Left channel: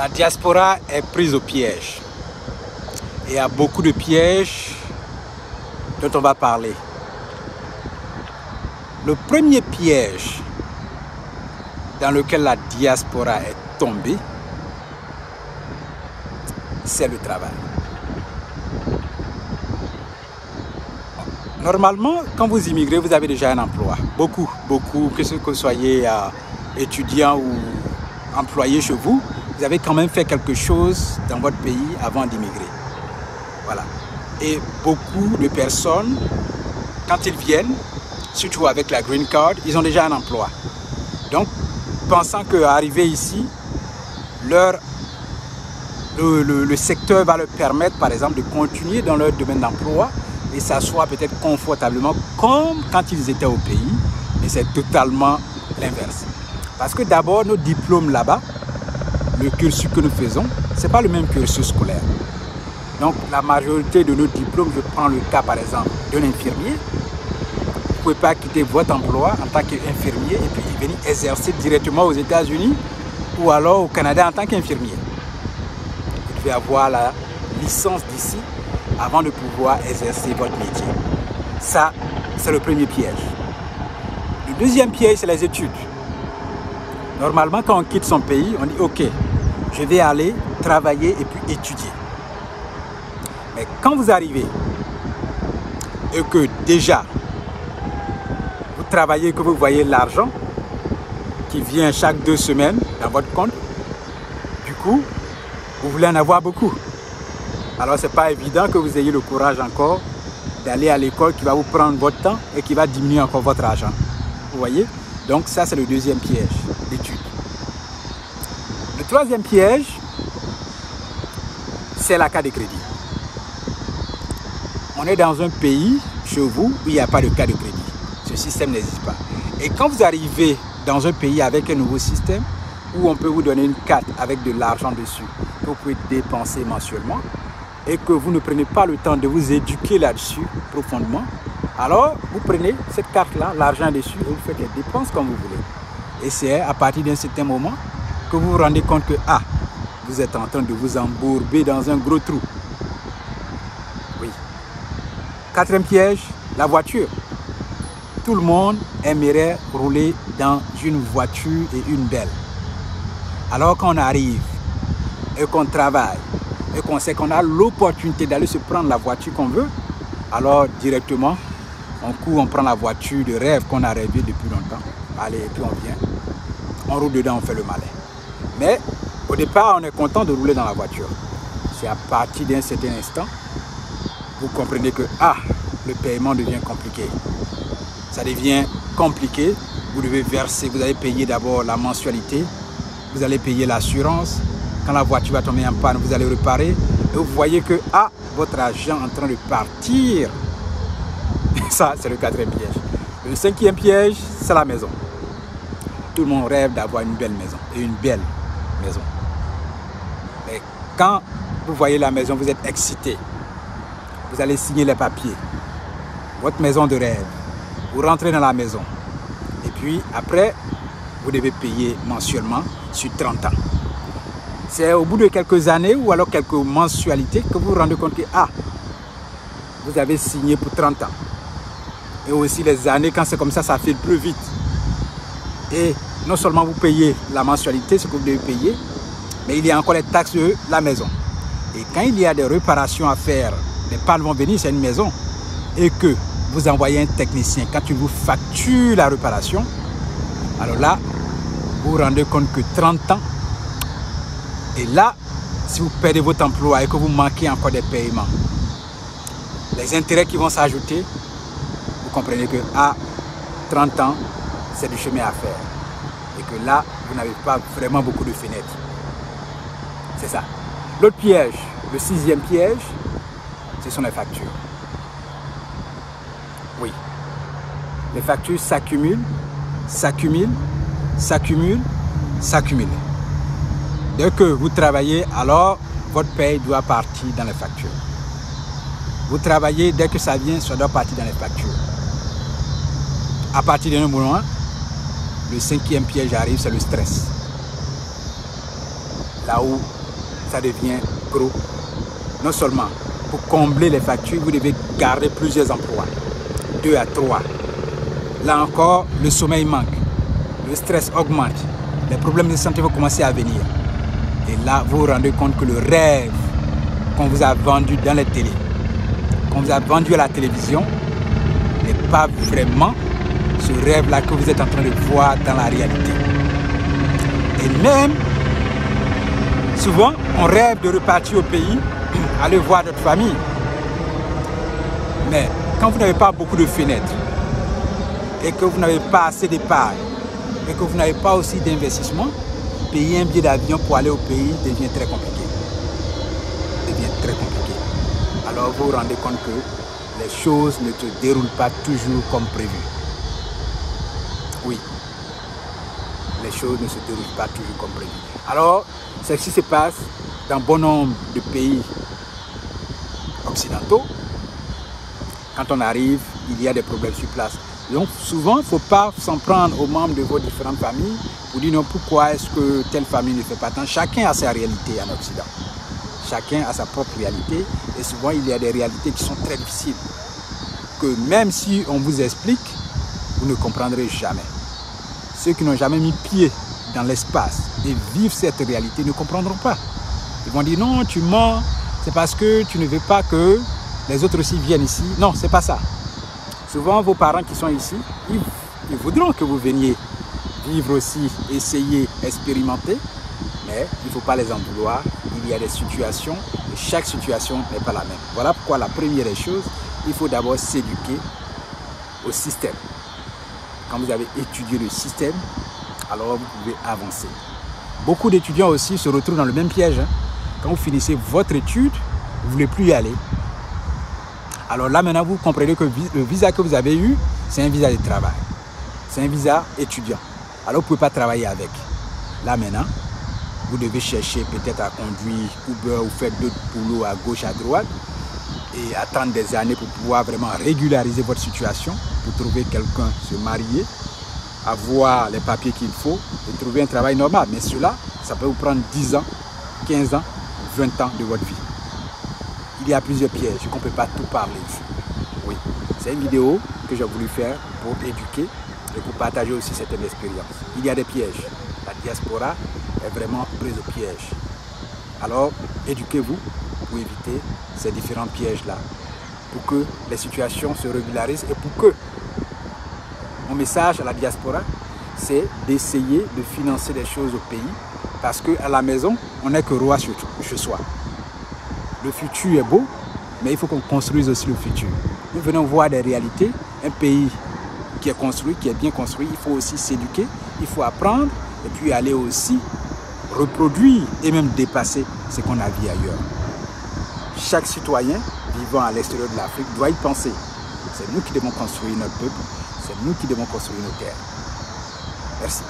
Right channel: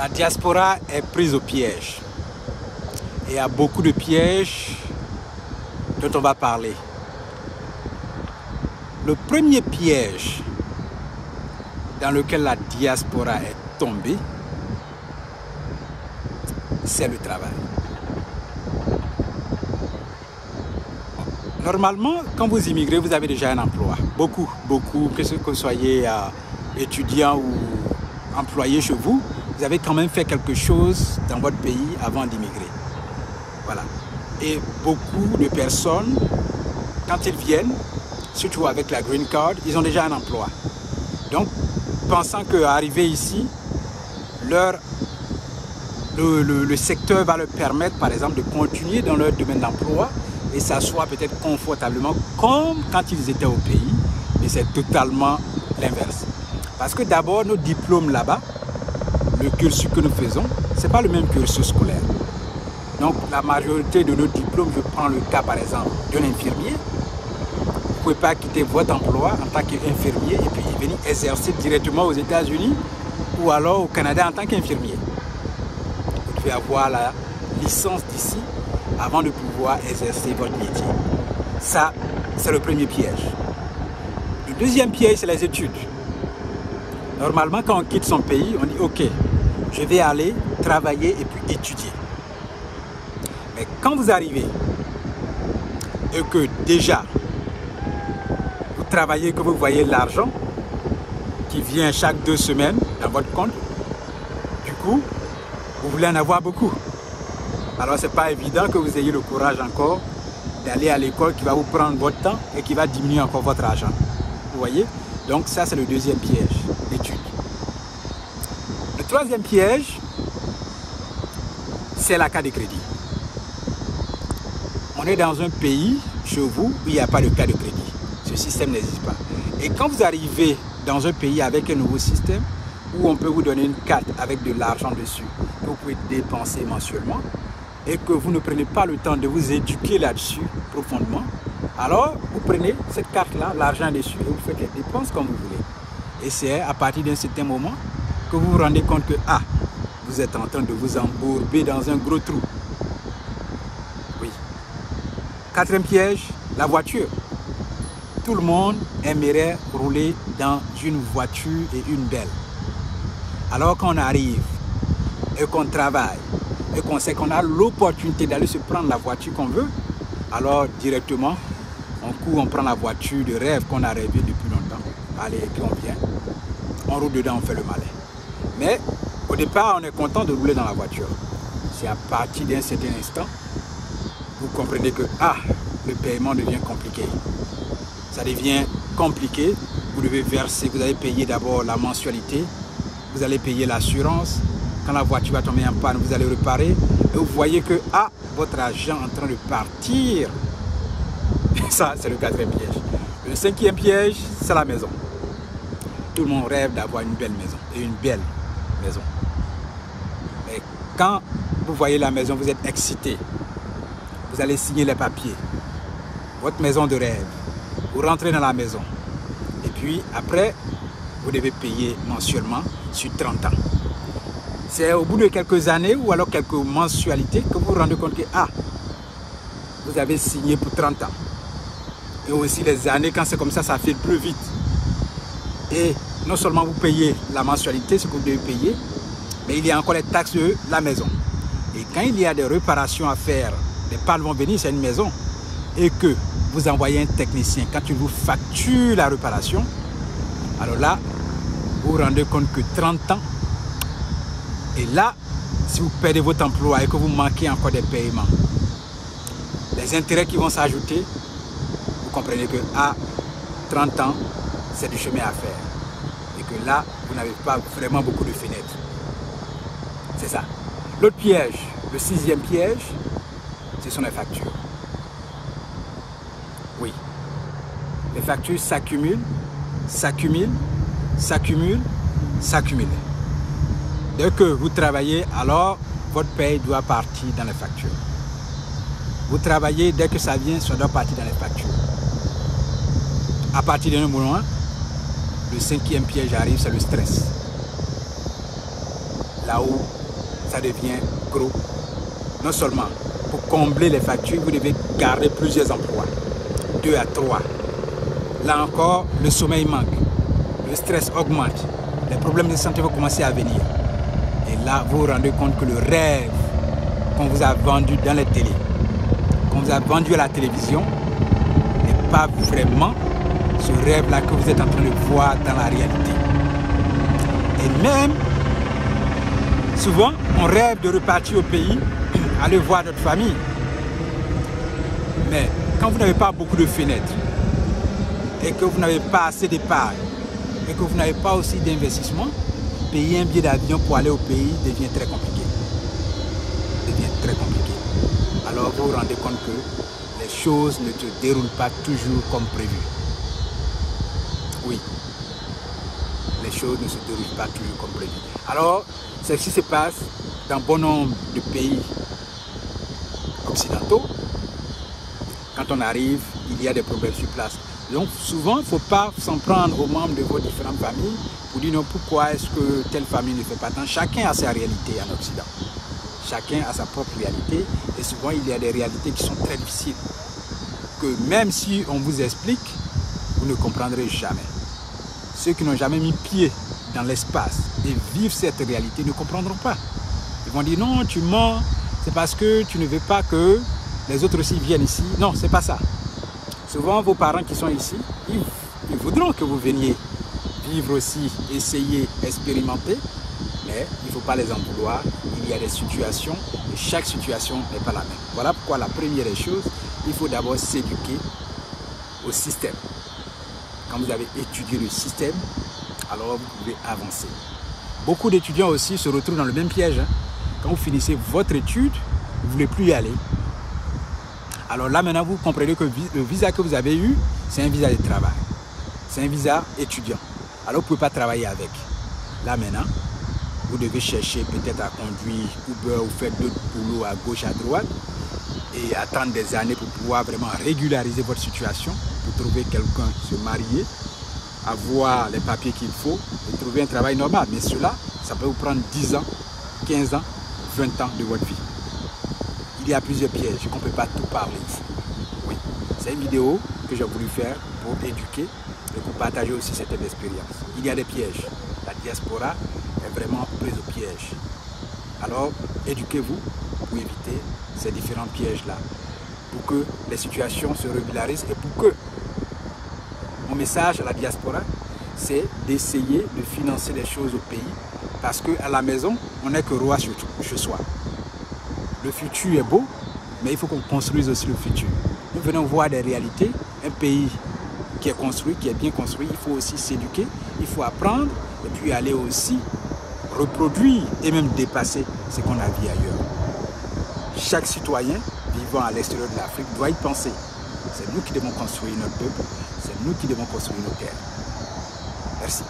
La diaspora est prise au piège. Et il y a beaucoup de pièges dont on va parler. Le premier piège dans lequel la diaspora est tombée, c'est le travail. Normalement, quand vous immigrez, vous avez déjà un emploi. Beaucoup, que vous soyez étudiant ou employé chez vous, vous avez quand même fait quelque chose dans votre pays avant d'immigrer. Voilà. Et beaucoup de personnes, quand ils viennent, surtout avec la green card, ils ont déjà un emploi. Donc, pensant qu'arriver ici, le secteur va leur permettre, par exemple, de continuer dans leur domaine d'emploi et s'asseoir peut-être confortablement comme quand ils étaient au pays, mais c'est totalement l'inverse. Parce que d'abord, nos diplômes là-bas, le cursus que nous faisons, ce n'est pas le même cursus scolaire. Donc, la majorité de nos diplômes, je prends le cas par exemple d'un infirmier, vous ne pouvez pas quitter votre emploi en tant qu'infirmier et puis venir exercer directement aux États-Unis ou alors au Canada en tant qu'infirmier. Vous devez avoir la licence d'ici avant de pouvoir exercer votre métier. Ça, c'est le premier piège. Le deuxième piège, c'est les études. Normalement, quand on quitte son pays, on dit « Ok, je vais aller travailler et puis étudier. » Mais quand vous arrivez et que déjà, vous travaillez, que vous voyez l'argent qui vient chaque 2 semaines dans votre compte, du coup, vous voulez en avoir beaucoup. Alors, ce n'est pas évident que vous ayez le courage encore d'aller à l'école qui va vous prendre votre temps et qui va diminuer encore votre argent. Vous voyez? Donc, ça, c'est le deuxième piège, l'étude. Le troisième piège, c'est la carte de crédit. On est dans un pays, chez vous, où il n'y a pas de carte de crédit. Ce système n'existe pas. Et quand vous arrivez dans un pays avec un nouveau système, où on peut vous donner une carte avec de l'argent dessus, que vous pouvez dépenser mensuellement, et que vous ne prenez pas le temps de vous éduquer là-dessus profondément, alors vous prenez cette carte-là, l'argent dessus, et vous faites les dépenses comme vous voulez. Et c'est à partir d'un certain moment que vous vous rendez compte que, ah, vous êtes en train de vous embourber dans un gros trou. Oui. Quatrième piège, la voiture. Tout le monde aimerait rouler dans une voiture et une belle. Alors qu'on arrive et qu'on travaille et qu'on sait qu'on a l'opportunité d'aller se prendre la voiture qu'on veut, alors directement, on court, on prend la voiture de rêve qu'on a rêvé depuis longtemps. Allez, et puis on vient, on roule dedans, on fait le malin. Mais au départ, on est content de rouler dans la voiture. C'est à partir d'un certain instant, vous comprenez que le paiement devient compliqué. Ça devient compliqué. Vous devez verser, vous allez payer d'abord la mensualité, vous allez payer l'assurance. Quand la voiture va tomber en panne, vous allez réparer. Et vous voyez que votre argent est en train de partir. Ça, c'est le quatrième piège. Le cinquième piège, c'est la maison. Tout le monde rêve d'avoir une belle maison. Et une belle maison. Mais quand vous voyez la maison, vous êtes excité. Vous allez signer les papiers. Votre maison de rêve. Vous rentrez dans la maison. Et puis, après, vous devez payer mensuellement sur 30 ans. C'est au bout de quelques années ou alors quelques mensualités que vous vous rendez compte que vous avez signé pour 30 ans. Et aussi les années, quand c'est comme ça file plus vite. Et non seulement vous payez la mensualité, ce que vous devez payer, mais il y a encore les taxes de la maison. Et quand il y a des réparations à faire, les pales vont venir, c'est une maison, et que vous envoyez un technicien, quand il vous facture la réparation, alors là, vous vous rendez compte que 30 ans, et là, si vous perdez votre emploi et que vous manquez encore des paiements, les intérêts qui vont s'ajouter, vous comprenez que 30 ans, c'est du chemin à faire. Et que là, vous n'avez pas vraiment beaucoup de fenêtres. C'est ça. L'autre piège, le sixième piège, ce sont les factures. Oui. Les factures s'accumulent, s'accumulent, s'accumulent, s'accumulent. Dès que vous travaillez, alors votre paye doit partir dans les factures. Vous travaillez, dès que ça vient, ça doit partir dans les factures. À partir d'un moment, le cinquième piège arrive, c'est le stress. là où ça devient gros. Non seulement pour combler les factures, vous devez garder plusieurs emplois, 2 à 3. Là encore, le sommeil manque, le stress augmente, les problèmes de santé vont commencer à venir. Et là, vous vous rendez compte que le rêve qu'on vous a vendu dans les télés, qu'on vous a vendu à la télévision, n'est pas vraiment ce rêve-là que vous êtes en train de voir dans la réalité. Et même, souvent, on rêve de repartir au pays, aller voir notre famille. Mais quand vous n'avez pas beaucoup de fenêtres, et que vous n'avez pas assez d'épargne, et que vous n'avez pas aussi d'investissement, payer un billet d'avion pour aller au pays devient très compliqué. Devient très compliqué. Alors vous vous rendez compte que les choses ne se déroulent pas toujours comme prévu. Oui, les choses ne se déroulent pas toujours comme prévu. Alors, c'est ce qui se passe dans bon nombre de pays occidentaux. Quand on arrive, il y a des problèmes sur place. Donc souvent, il ne faut pas s'en prendre aux membres de vos différentes familles pour dire non, pourquoi est-ce que telle famille ne fait pas tant. Chacun a sa réalité en Occident. Chacun a sa propre réalité. Et souvent, il y a des réalités qui sont très difficiles. Que même si on vous explique, vous ne comprendrez jamais. Ceux qui n'ont jamais mis pied dans l'espace et vivent cette réalité ne comprendront pas. Ils vont dire non, tu mens, c'est parce que tu ne veux pas que les autres aussi viennent ici. Non, c'est pas ça. Souvent, vos parents qui sont ici, ils voudront que vous veniez vivre aussi, essayer, expérimenter, mais il ne faut pas les en vouloir. Il y a des situations et chaque situation n'est pas la même. Voilà pourquoi la première des choses, il faut d'abord s'éduquer au système. Quand vous avez étudié le système, alors vous pouvez avancer. Beaucoup d'étudiants aussi se retrouvent dans le même piège. Hein. Quand vous finissez votre étude, vous ne voulez plus y aller. Alors là, maintenant, vous comprenez que le visa que vous avez eu, c'est un visa de travail. C'est un visa étudiant. Alors, vous ne pouvez pas travailler avec. Là, maintenant, vous devez chercher peut-être à conduire Uber ou faire d'autres boulots à gauche, à droite et attendre des années pour pouvoir vraiment régulariser votre situation, pour trouver quelqu'un, se marier, avoir les papiers qu'il faut et trouver un travail normal. Mais cela, ça peut vous prendre 10 ans, 15 ans, 20 ans de votre vie. Il y a plusieurs pièges qu'on ne peut pas tout parler ici. Oui, c'est une vidéo que j'ai voulu faire pour éduquer et pour partager aussi cette expérience. Il y a des pièges. La diaspora est vraiment prise au piège. Alors, éduquez-vous pour éviter ces différents pièges-là, pour que les situations se régularisent et pour que mon message à la diaspora, c'est d'essayer de financer les choses au pays, parce qu'à la maison, on n'est que roi chez soi. Le futur est beau, mais il faut qu'on construise aussi le futur. Nous venons voir des réalités. Un pays qui est construit, qui est bien construit, il faut aussi s'éduquer, il faut apprendre et puis aller aussi reproduire et même dépasser ce qu'on a vu ailleurs. Chaque citoyen vivant à l'extérieur de l'Afrique doit y penser. C'est nous qui devons construire notre peuple, c'est nous qui devons construire nos terres. Merci.